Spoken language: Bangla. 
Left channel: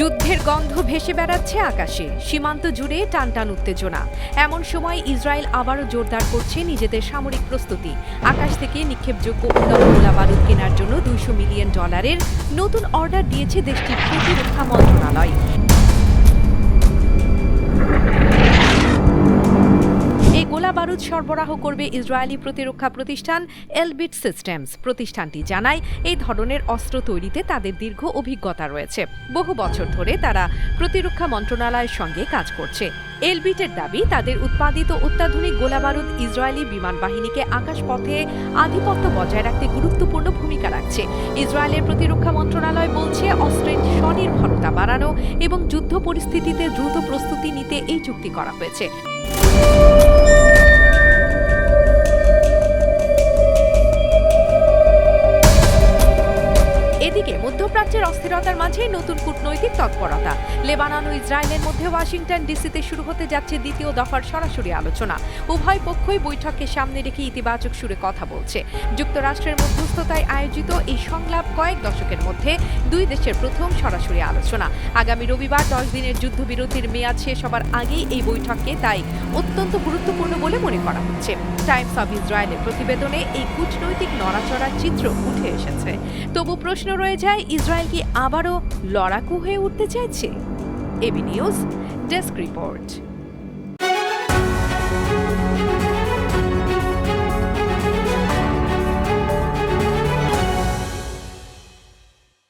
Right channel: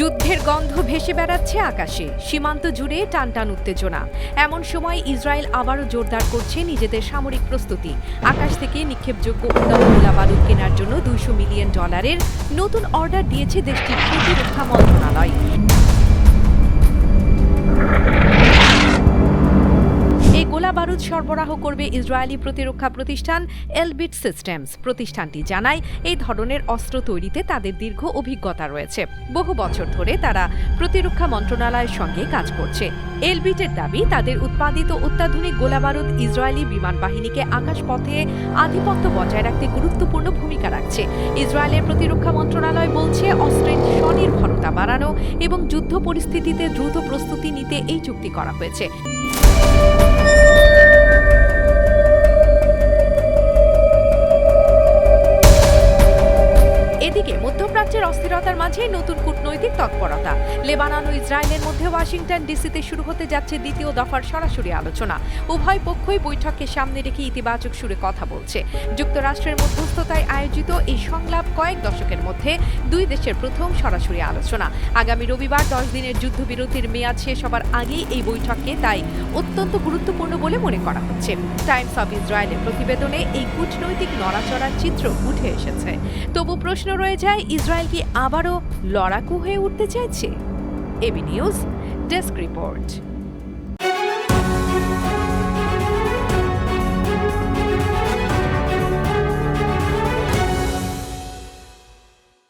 যুদ্ধের গন্ধ ভেসে বেড়াচ্ছে আকাশে, সীমান্ত জুড়ে টানটান উত্তেজনা। এমন সময় ইসরায়েল আবারও জোরদার করছে নিজেদের সামরিক প্রস্তুতি। আকাশ থেকে নিক্ষেপযোগ্য উন্নত গোলাবারুদ কেনার জন্য $200 মিলিয়ন নতুন অর্ডার দিয়েছে দেশটির প্রতিরক্ষা মন্ত্রণালয়। এই গোলাবারুদ সরবরাহ করবে ইসরায়েলি প্রতিরক্ষা প্রতিষ্ঠান এলবিট সিস্টেমস। প্রতিষ্ঠানটি জানায়, এই ধরনের অস্ত্র তৈরিতে তাদের দীর্ঘ অভিজ্ঞতা রয়েছে। বহু বছর ধরে তারা প্রতিরক্ষা মন্ত্রণালয়ের সঙ্গে কাজ করছে। এলবিটের দাবি, তাদের উৎপাদিত অত্যাধুনিক গোলাবারুদ ইসরায়েলি বিমান বাহিনীকে আকাশপথে আধিপত্য বজায় রাখতে গুরুত্বপূর্ণ ভূমিকা রাখছে। ইসরায়েলের প্রতিরক্ষা মন্ত্রণালয় বলছে, অস্ত্রের স্বনির্ভরতা বাড়ানো এবং যুদ্ধ পরিস্থিতিতে দ্রুত প্রস্তুতি নিতে এই চুক্তি করা হয়েছে। এদিকে মধ্যপ্রাচ্যের অস্থিরতার মাঝে নতুন কূটনৈতিক তৎপরতা। লেবানন ও ইসরায়েলের মধ্যে ওয়াশিংটন ডিসিতে শুরু হতে যাচ্ছে দ্বিতীয় দফার সরাসরি আলোচনা। উভয় পক্ষই বৈঠককে সামনে রেখে ইতিবাচক সুরে কথা বলছে। যুক্তরাষ্ট্রের মধ্যস্থতায় আয়োজিত এই সংলাপ কয়েক দশকের মধ্যে দুই দেশের প্রথম সরাসরি আলোচনা। আগামী রবিবার 10 দিনের যুদ্ধবিরতির মেয়াদ শেষ হবার আগেই এই বৈঠককে তাই অত্যন্ত গুরুত্বপূর্ণ বলে মনে করা হচ্ছে। টাইমস অব ইসরায়েলের প্রতিবেদনে এই কূটনৈতিক নড়াচড়ার চিত্র উঠে এসেছে। তবু প্রশ্ন রয়ে যায়, ইসরায়েল কি আবারও লড়াকু হয়ে উঠতে চাইছে? AB news desk report.